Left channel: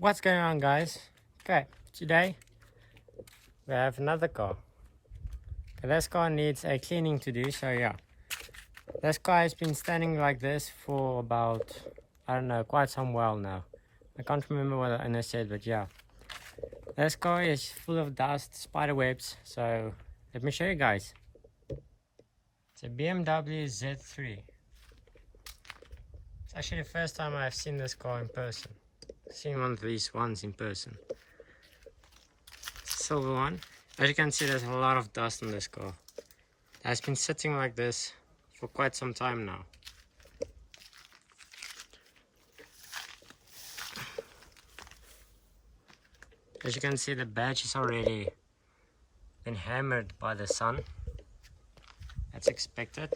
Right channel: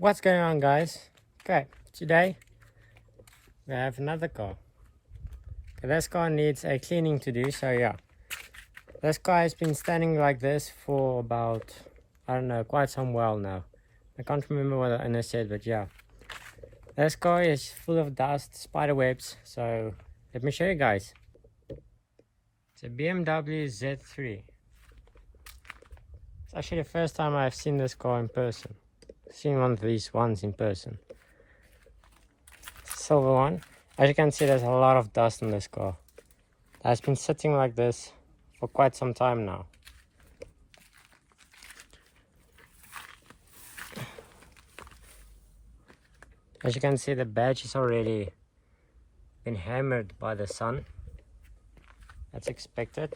What's going on, guys? Okay, today we have another car. Okay, this car needs a cleaning to do, so yeah. This car has been standing like this for about, I don't know, quite some while now. I can't remember what the owner said, but yeah. This car is full of dust, spider webs, so let me show you guys. It's a Bmw Z3. It's actually the first time I've seen this car in person. I've seen one of these ones in person. It's a silver one. As you can see, there's a lot of dust on this car. It has been sitting like this for quite some time now. As you can see, the badge is already been hammered by the sun. That's expected.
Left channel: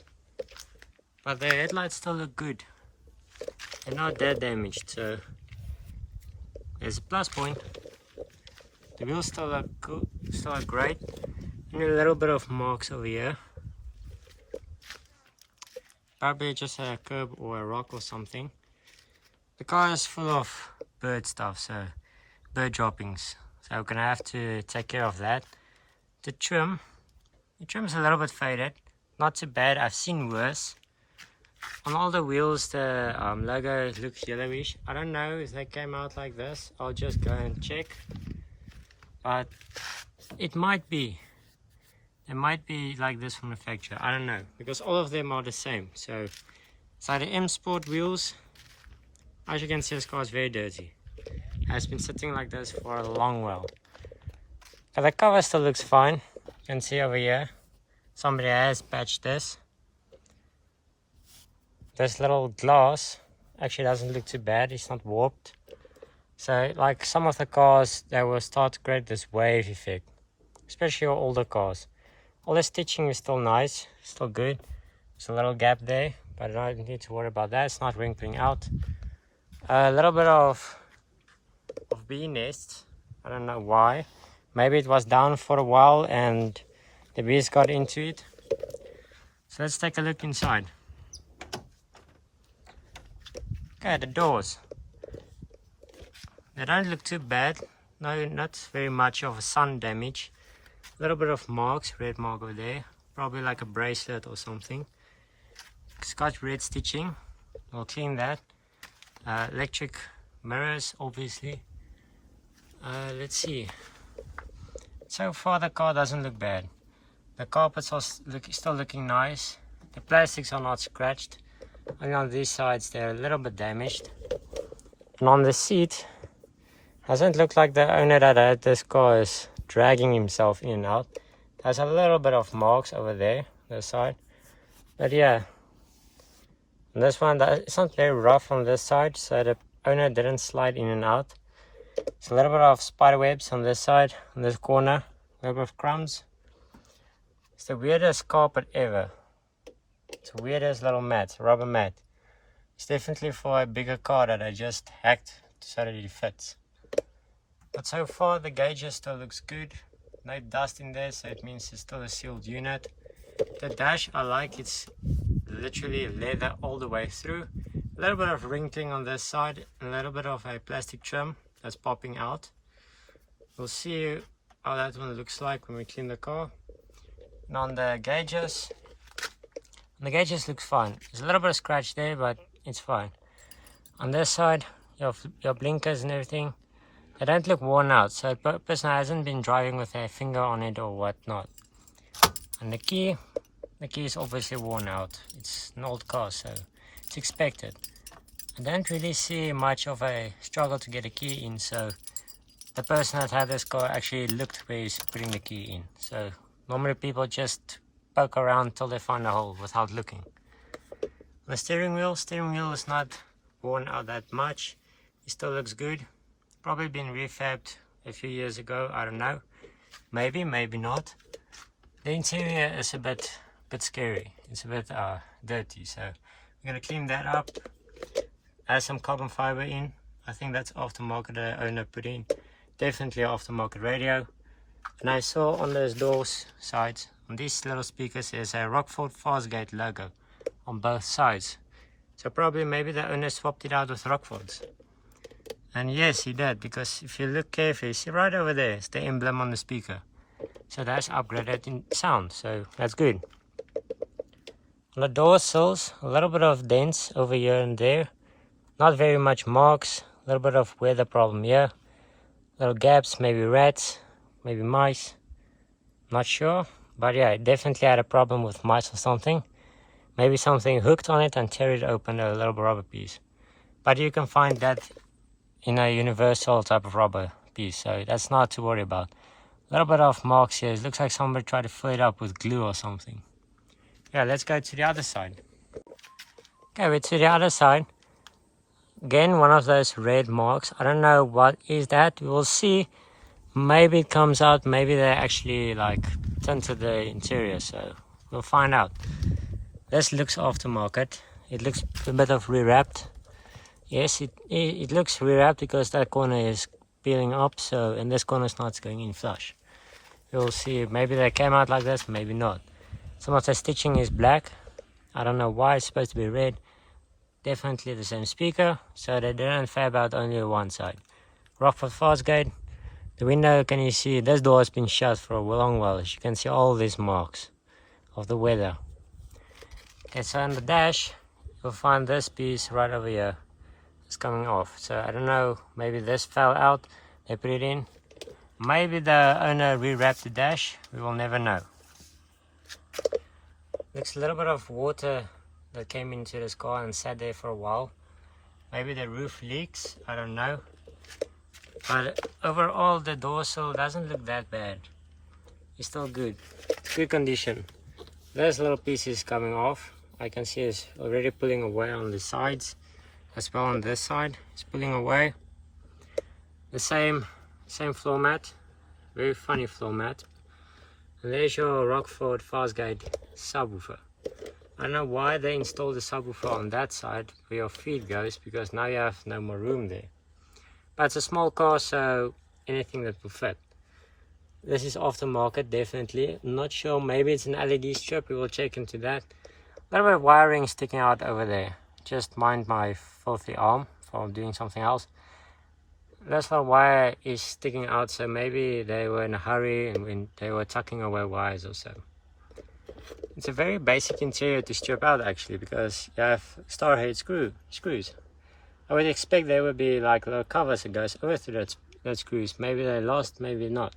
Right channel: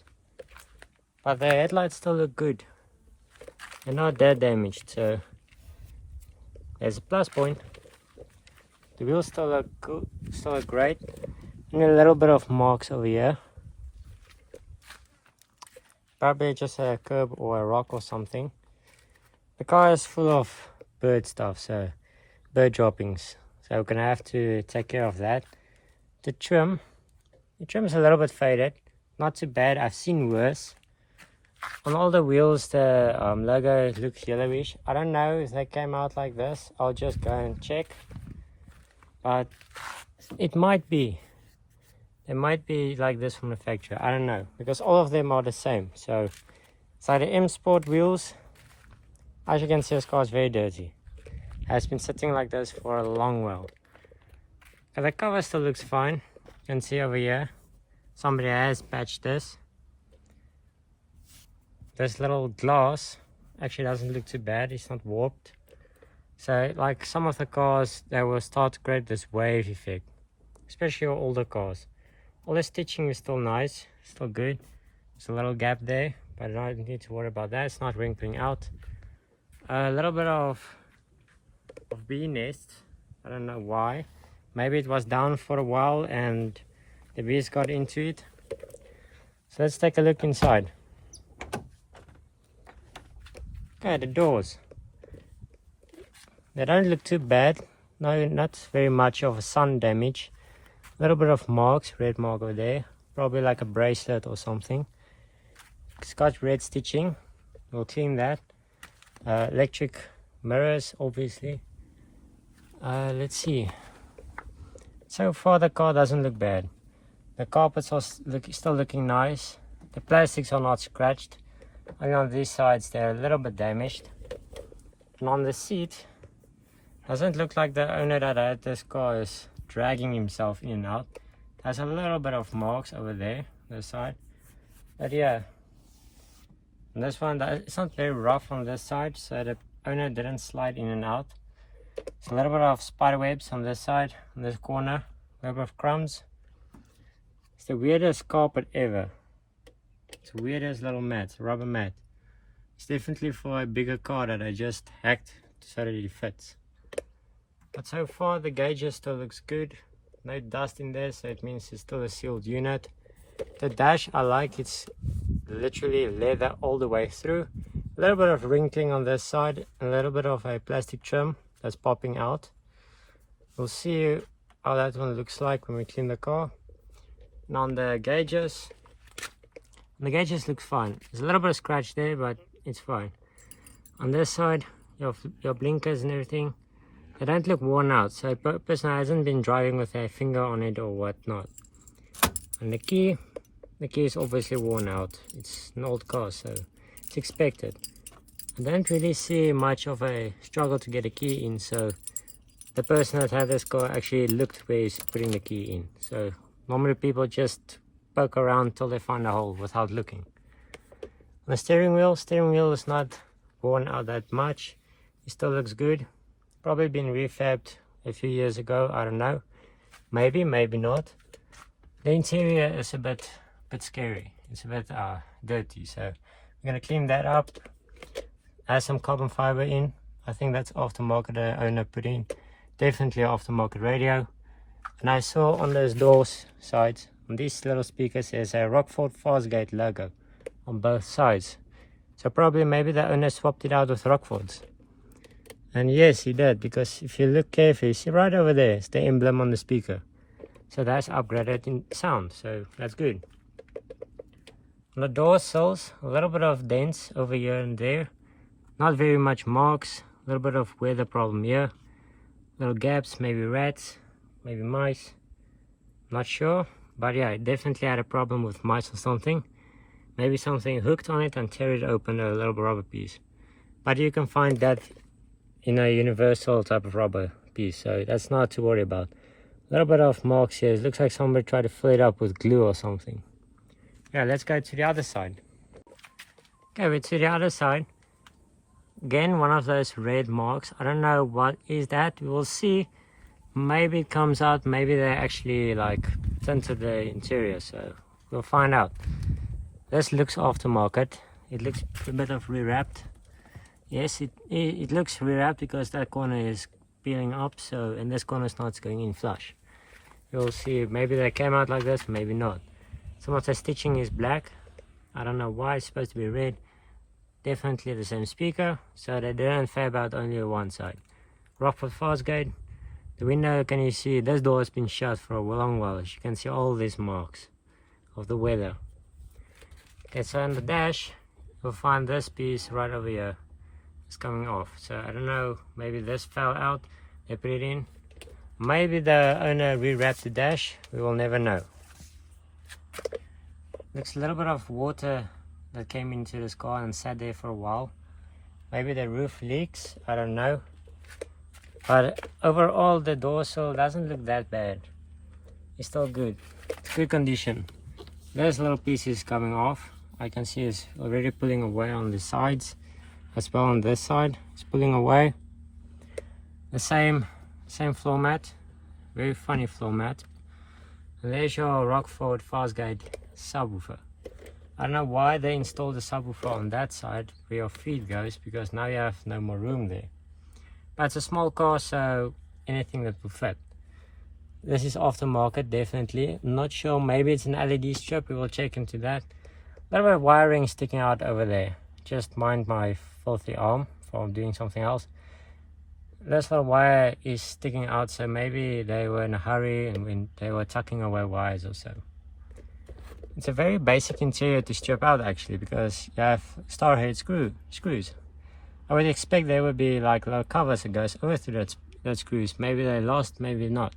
But the headlights still look good. They're not that damaged, so there's a plus point. The wheels still look good, still look great. And a little bit of marks over here. Probably just a curb or a rock or something. The car is full of bird stuff, so bird droppings. So we're gonna have to take care of that. The trim's a little bit faded. Not too bad, I've seen worse. On all the wheels, the logo looks yellowish. I don't know if they came out like this. I'll just go and check. But it might be. It might be like this from the factory. I don't know. Because all of them are the same. So the M Sport wheels. As you can see, this car is very dirty. It has been sitting like this for a long while. But the cover still looks fine. You can see over here. Somebody has patched this. This little glass actually doesn't look too bad. It's not warped. So like some of the cars, they will start to create this wave effect, especially your older cars. All the stitching is still nice, still good. There's a little gap there, but I don't need to worry about that. It's not wrinkling out. A little bit of bee nests. I don't know why. Maybe it was down for a while and the bees got into it. So let's take a look inside. Okay, the doors. They don't look too bad. No, not very much of a sun damage. A little bit of marks, red mark over there. Probably like a bracelet or something. It's got red stitching. We'll clean that. Electric mirrors, obviously. Let's see. So far the car doesn't look bad. The carpets are still looking nice. The plastics are not scratched. And on these sides they're a little bit damaged. And on the seat, doesn't look like the owner that had this car is dragging himself in and out. There's a little bit of marks over there, this side. But yeah, and this one, it's not very rough on this side, so the owner didn't slide in and out. There's a little bit of spider webs on this side, on this corner, a little bit of crumbs. It's the weirdest carpet ever. It's the weirdest little mat, rubber mat. It's definitely for a bigger car that I just hacked so that it fits. But so far the gauges still looks good. No dust in there, so it means it's still a sealed unit. The dash I like, it's literally leather all the way through. A little bit of wrinkling on this side, a little bit of a plastic trim that's popping out. We'll see how that one looks like when we clean the car. And on the gauges look fine. There's a little bit of scratch there, but it's fine. On this side, your blinkers and everything, they don't look worn out, so the person hasn't been driving with a finger on it or whatnot. And the key is obviously worn out. It's an old car, so it's expected. I don't really see much of a struggle to get a key in, so the person that had this car actually looked where he's putting the key in. So normally people just poke around till they find a hole without looking. On the steering wheel is not worn out that much. It still looks good. Probably been refabbed a few years ago, I don't know. Maybe, maybe not. The interior is a bit scary. It's a bit dirty, so we're gonna clean that up. Add some carbon fiber in. I think that's aftermarket the owner put in. Definitely aftermarket radio. And I saw on those doors sides, on these little speakers, there's a Rockford Fastgate logo on both sides. So probably maybe the owner swapped it out with Rockfords. And yes, he did, because if you look carefully, you see right over there, it's the emblem on the speaker. So that's upgraded in sound, so that's good. On the door sills, a little bit of dents over here and there. Not very much marks, a little bit of weather problem here. Little gaps, maybe rats, maybe mice. Not sure, but yeah, it definitely had a problem with mice or something. Maybe something hooked on it and tear it open, a little rubber piece. But you can find that in a universal type of rubber piece, so that's not to worry about. A little bit of marks here. It looks like somebody tried to fill it up with glue or something. Yeah, let's go to the other side. Okay, we're to the other side. Again, one of those red marks. I don't know what is that. We will see. Maybe it comes out. Maybe they actually like tinted the interior, so we'll find out. This looks aftermarket. It looks a bit of rewrapped. Yes, it looks rewrapped because that corner is peeling up, so, and this corner is not going in flush. You'll see, maybe they came out like this, maybe not. Some of the stitching is black. I don't know why it's supposed to be red. Definitely the same speaker, so they didn't fab out only one side. Rockford fastgate. The window, can you see, this door has been shut for a long while. As you can see all these marks of the weather. Okay, so on the dash, you'll find this piece right over here. It's coming off, so I don't know, maybe this fell out, they put it in. Maybe the owner rewrapped the dash, we will never know. Looks a little bit of water that came into this car and sat there for a while. Maybe the roof leaks, I don't know. But overall the door sill doesn't look that bad. It's still good, it's good condition. This little piece is coming off. I can see it's already pulling away on the sides. As well on this side, it's pulling away. The same floor mat, very funny floor mat. And there's your Rockford fastgate subwoofer. I don't know why they installed the subwoofer on that side where your feet goes, because now you have no more room there. But it's a small car, so anything that will fit. This is aftermarket, definitely. I'm not sure, maybe it's an LED strip, we will check into that. A little bit of wiring sticking out over there. Just mind my filthy arm from doing something else. This little wire is sticking out, so maybe they were in a hurry and when they were tucking away wires or so. It's a very basic interior to strip out actually, because you have starhead screws. I would expect there would be like little covers that goes over to that screws. Maybe they lost, maybe not.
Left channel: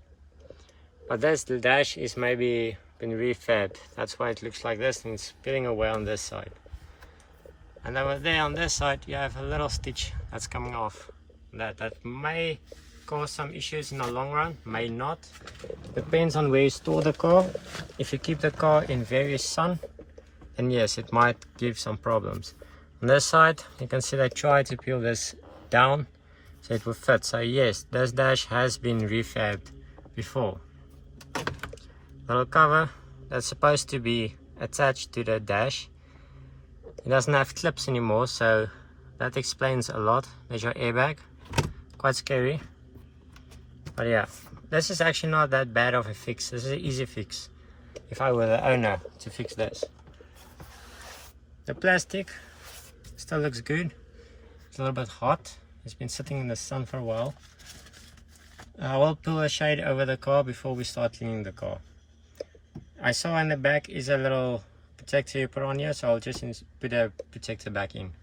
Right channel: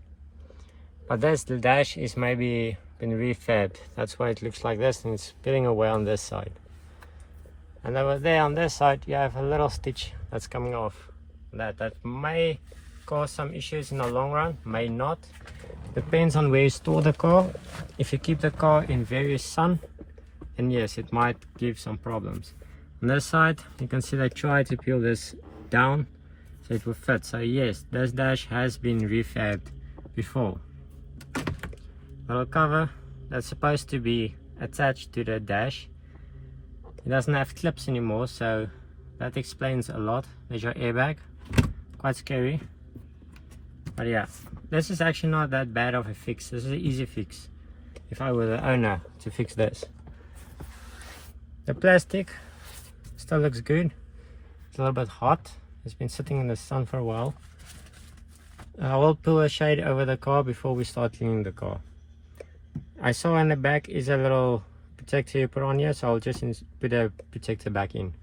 But the dash is maybe been refabbed. That's why it looks like this, and it's peeling away on this side. And over there on this side you have a little stitch that's coming off. That may cause some issues in the long run, may not. Depends on where you store the car. If you keep the car in various sun, then yes, it might give some problems. On this side you can see they try to peel this down so it will fit. So yes, this dash has been refabbed before. Little cover that's supposed to be attached to the dash. It doesn't have clips anymore, so that explains a lot. There's your airbag, quite scary. But yeah, this is actually not that bad of a fix. This is an easy fix if I were the owner to fix this. The plastic still looks good. It's a little bit hot. It's been sitting in the sun for a while. I will pull a shade over the car before we start cleaning the car. I saw in the back is a little protector you put on here, so I'll just put a protector back in.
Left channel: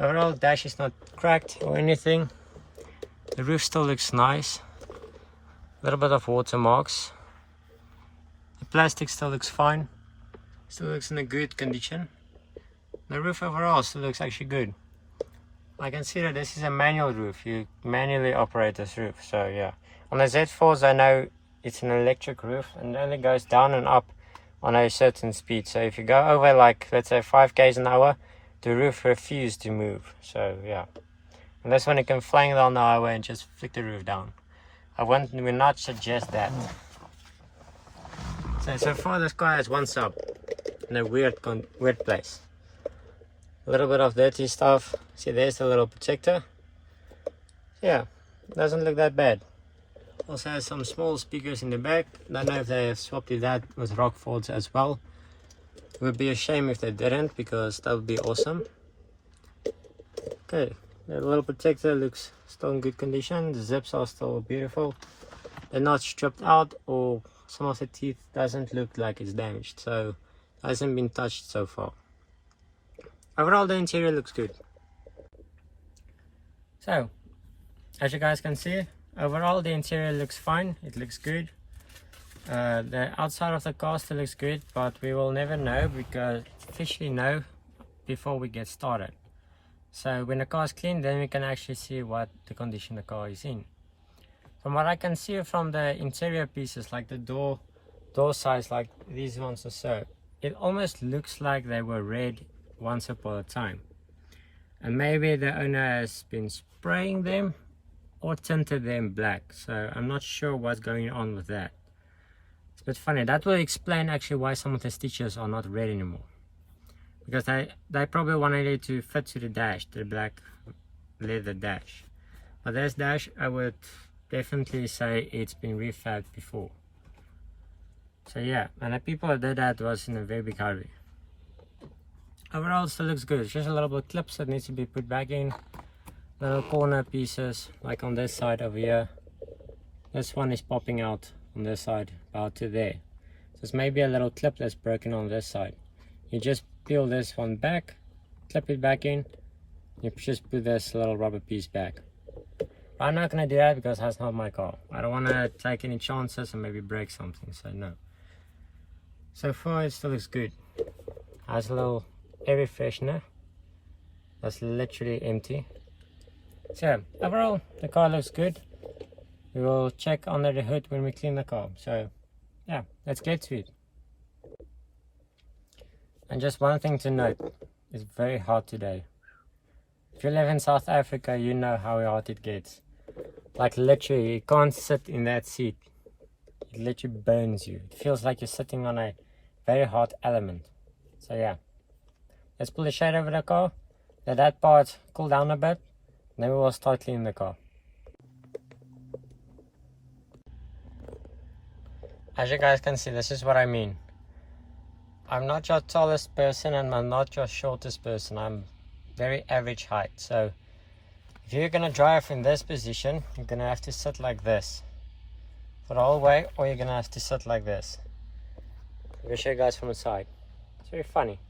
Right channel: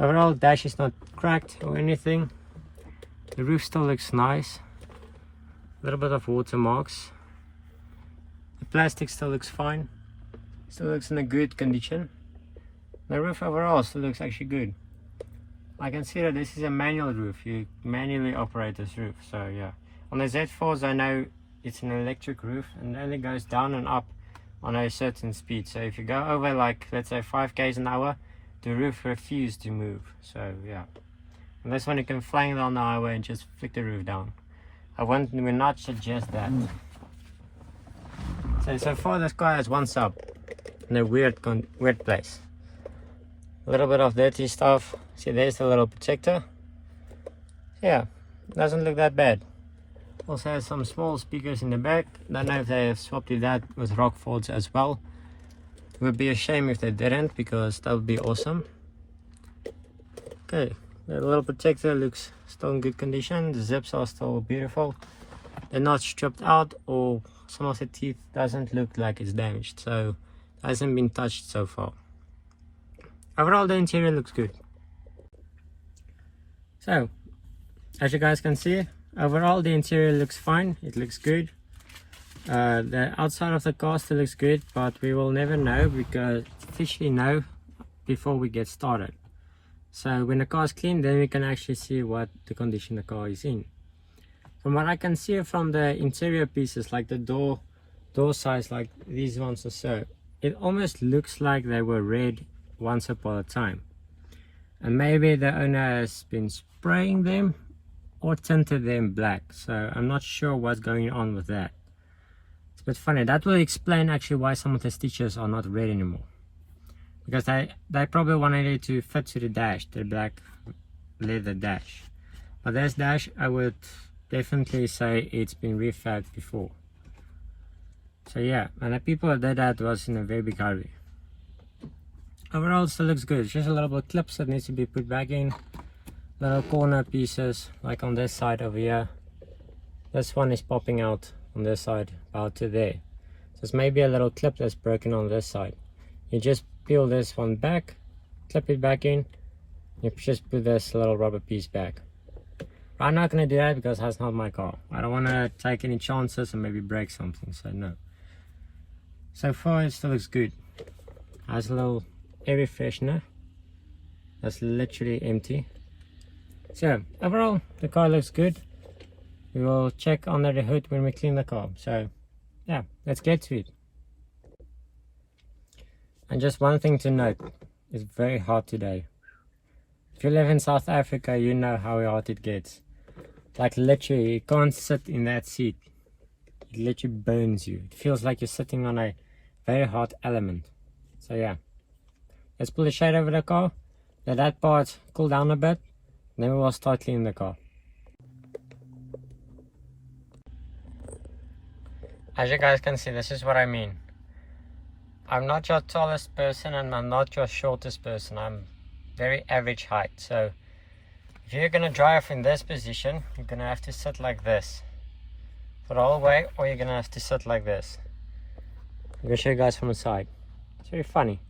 Overall, dash is not cracked or anything. The roof still looks nice. A little bit of watermarks. The plastic still looks fine. Still looks in a good condition. The roof overall still looks actually good. I can see that this is a manual roof. You manually operate this roof, so yeah. On the Z4s I know it's an electric roof and it only goes down and up on a certain speed. So if you go over like, let's say 5 k's an hour, the roof refuses to move. So yeah. And this one you can flank down the highway and just flick the roof down. I would not suggest that. So far this car has one sub in a weird place. A little bit of dirty stuff. See, there's the little protector. Yeah, doesn't look that bad. Also has some small speakers in the back. Don't know if they have swapped to that with Rockfords as well. It would be a shame if they didn't, because that would be awesome. Okay, The wheel protector looks still in good condition. The zips are still beautiful. They're not stripped out, or some of the teeth doesn't look like it's damaged, so it hasn't been touched so far. Overall, the interior looks good. So, as you guys can see, overall the interior looks fine. It looks good. The outside of the car still looks good, but we will never know, because officially know before we get started. So when the car is clean, then we can actually see what the condition the car is in. From what I can see from the interior pieces, like the door size, like these ones or so, it almost looks like they were red once upon a time. And maybe the owner has been spraying them or tinted them black. So I'm not sure what's going on with that. It's a bit funny. That will explain actually why some of the stitches are not red anymore. Because they probably wanted it to fit to the dash, the black leather dash. But this dash, I would definitely say it's been refabbed before. So yeah, and the people that did that was in a very big hurry. Overall, it still looks good. It's just a little bit of clips that needs to be put back in. Little corner pieces, like on this side over here. This one is popping out on this side, about to there. So it's maybe a little clip that's broken on this side. You just peel this one back, clip it back in, you just put this little rubber piece back. I'm not going to do that because that's not my car. I don't want to take any chances and maybe break something, so no. So far it still looks good. Has a little air freshener that's literally empty. So overall the car looks good. We will check under the hood when we clean the car. So yeah, let's get to it. And just one thing to note, it's very hot today. If you live in South Africa, you know how hot it gets. Like literally, you can't sit in that seat. It literally burns you. It feels like you're sitting on a very hot element. So yeah, let's pull the shade over the car, let that part cool down a bit, then we will start cleaning the car. As you guys can see, this is what I mean. I'm not your tallest person and I'm not your shortest person. I'm very average height. So if you're going to drive in this position, you're going to have to sit like this for the whole way, or you're going to have to sit like this. I'm going to show you guys from the side. It's very funny.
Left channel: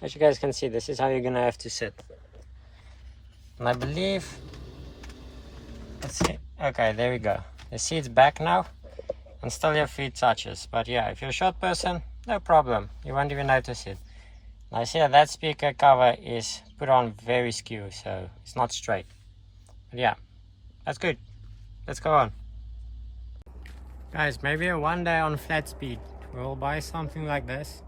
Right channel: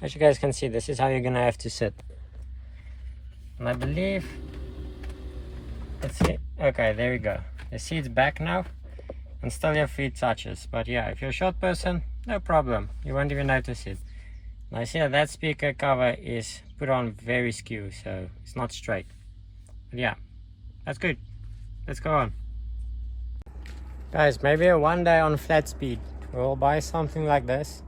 As you guys can see, this is how you're going to have to sit. And I believe, let's see, okay, there we go. The seat's back now. And still your feet touches, but yeah, if you're a short person, no problem, you won't even notice it. Now you see that speaker cover is put on very skew, so it's not straight. But yeah, that's good. Let's go on. Guys, maybe one day on flat speed we'll buy something like this.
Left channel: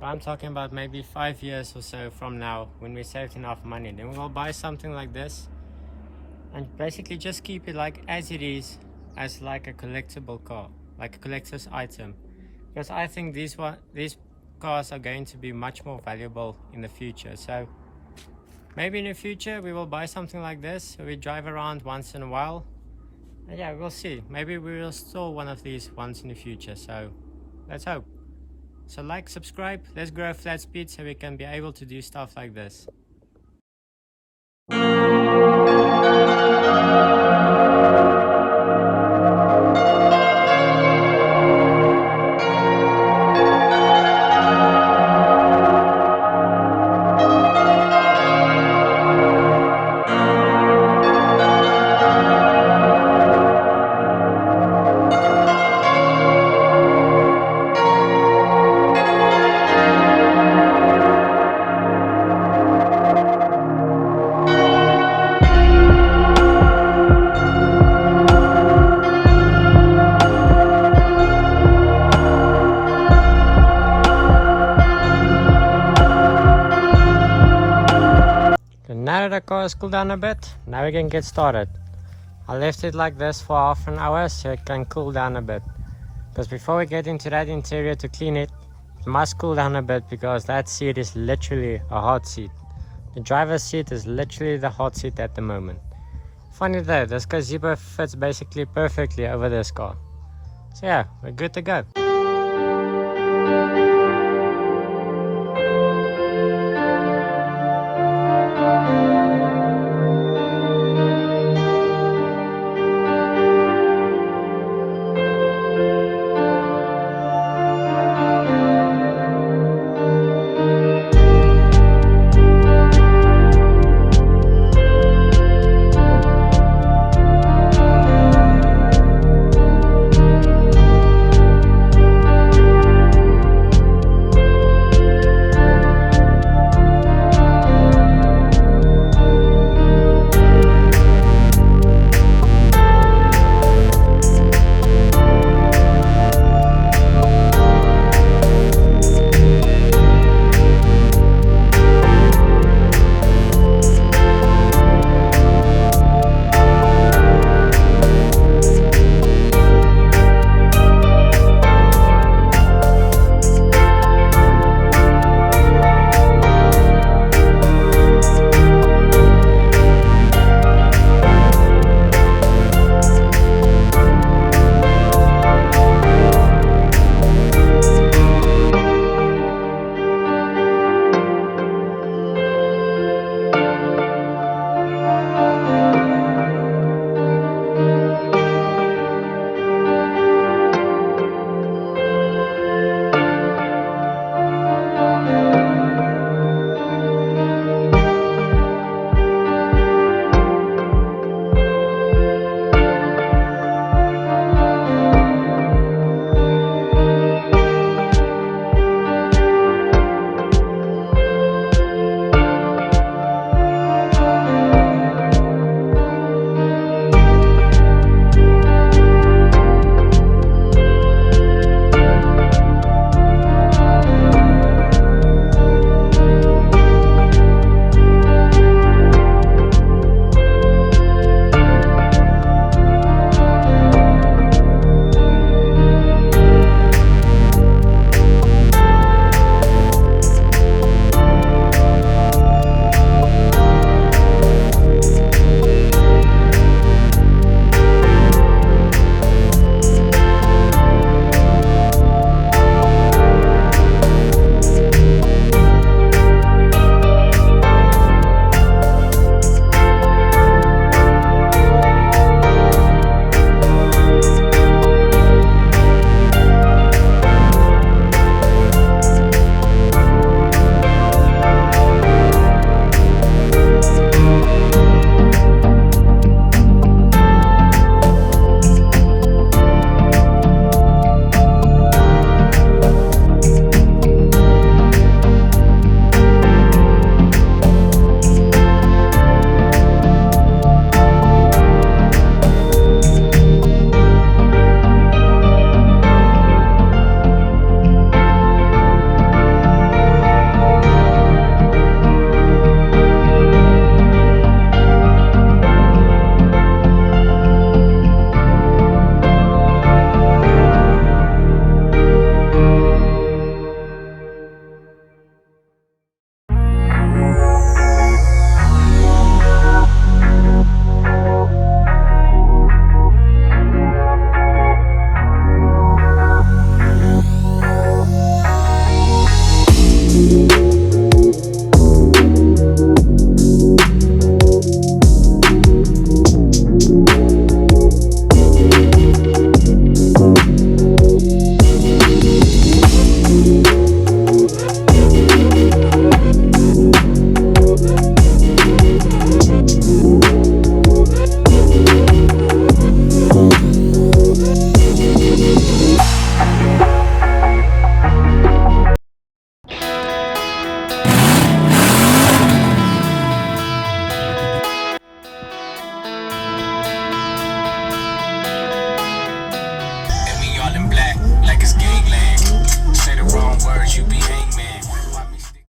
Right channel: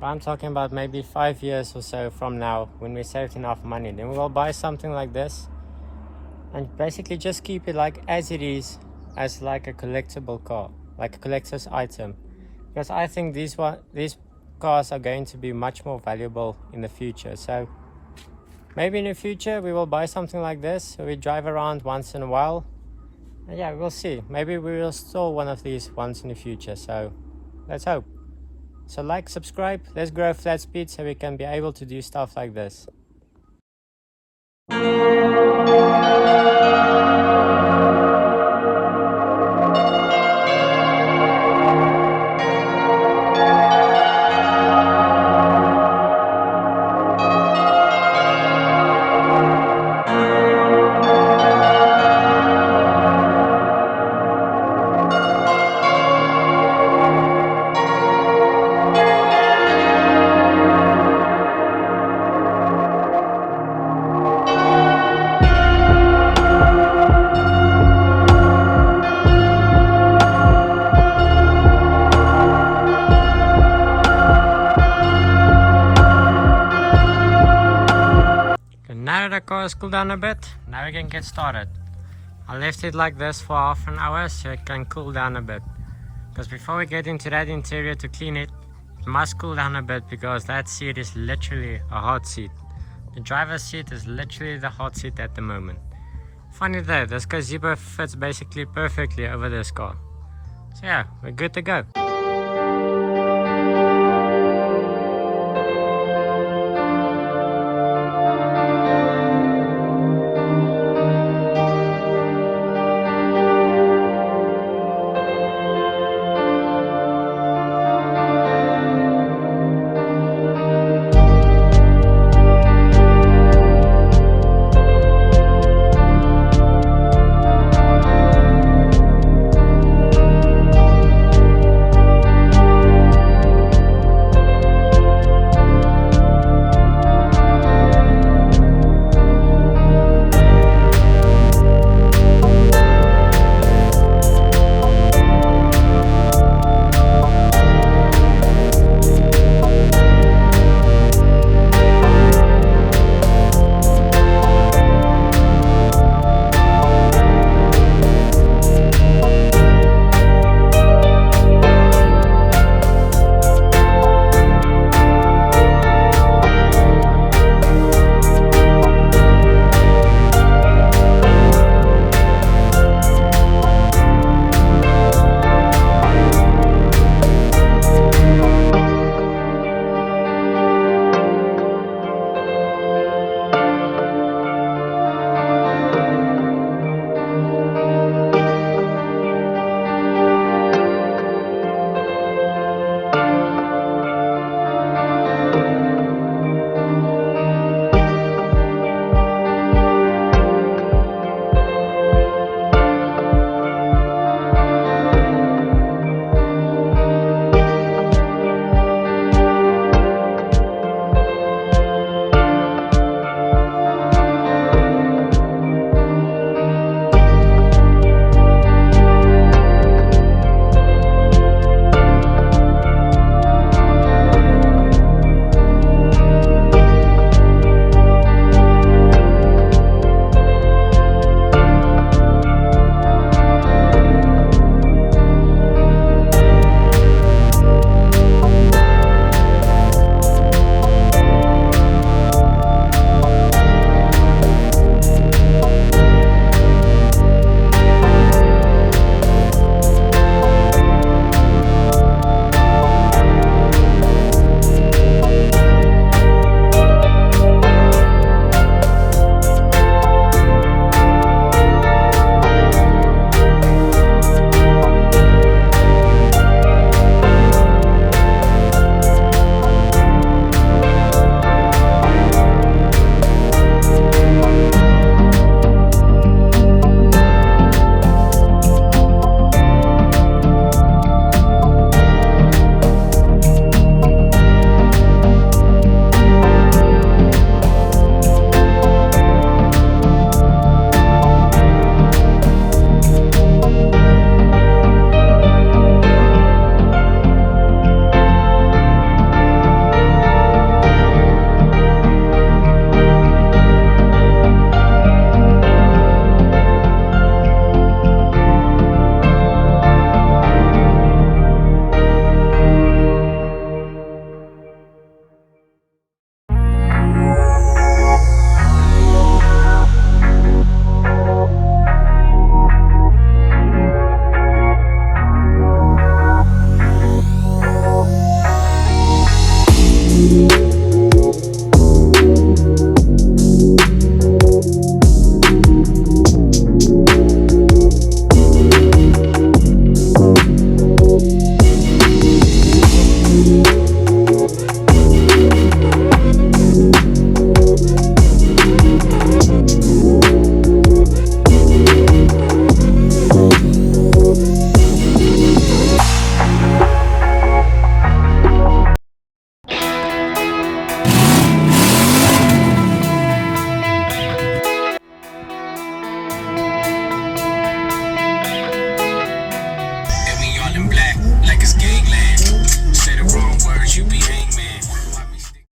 But I'm talking about maybe 5 years or so from now, when we saved enough money, then we'll buy something like this and basically just keep it like as it is, as like a collectible car, like a collector's item, because I think these cars are going to be much more valuable in the future. So maybe in the future we will buy something like this, so we drive around once in a while, and yeah, we'll see, maybe we will store one of these once in the future. So let's hope. So like, subscribe, let's grow flat speed so we can be able to do stuff like this. Now that the car has cooled down a bit, now we can get started. I left it like this for half an hour so it can cool down a bit. Because before we get into that interior to clean it, it must cool down a bit, because that seat is literally a hot seat. The driver's seat is literally the hot seat at the moment. Funny though, this gazebo fits basically perfectly over this car. So yeah, we're good to go.